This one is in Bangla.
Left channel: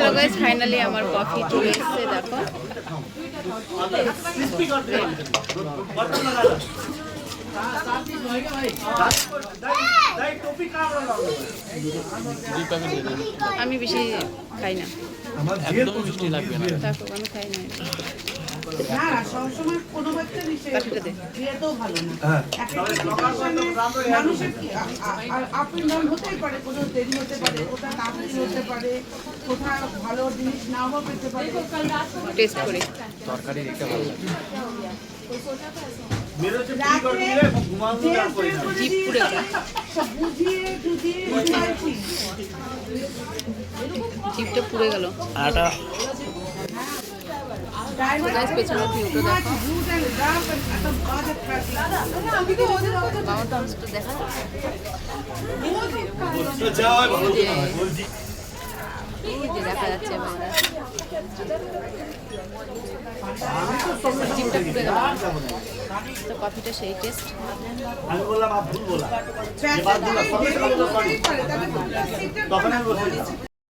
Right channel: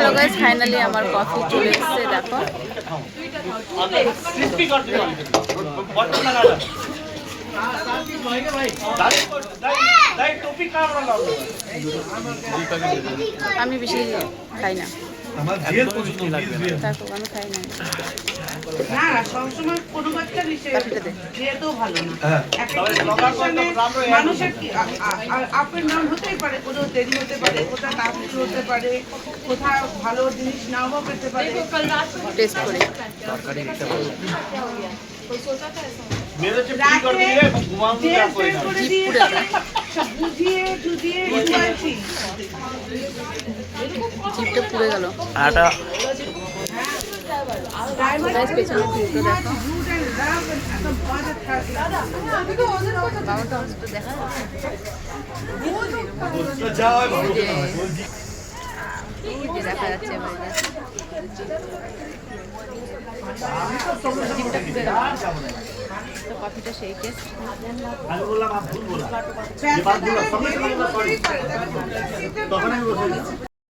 হ্যালো গাইস, ফাইনালি আমার কফি চলে এসেছে। দেখো আমি বেশি খাই না, দেখো আমি খাই না। না না সবসময় কোনো বাচ্চা যেতেও ভালো না। একটা সিচুয়েশনে মানুষের আপ এন্ড ডাউন হতেই পারে, কোথাও দেরি হতে পারে, কোথাও তাড়াতাড়ি হতে পারে, কোথাও ভালো জিনিস নাও বা পেতে পারে। টেস্ট করে তরকারি দেখতে ভালো লাগে। জিপটা পুড়ে গেল। আটা পেছনের ভিউটা দেখো, বাবা টমসটা দেখা যে দেখা যাচ্ছে বাইরে। জিপটা পুড়ে গেল, তো কফিটা সেই টেস্ট।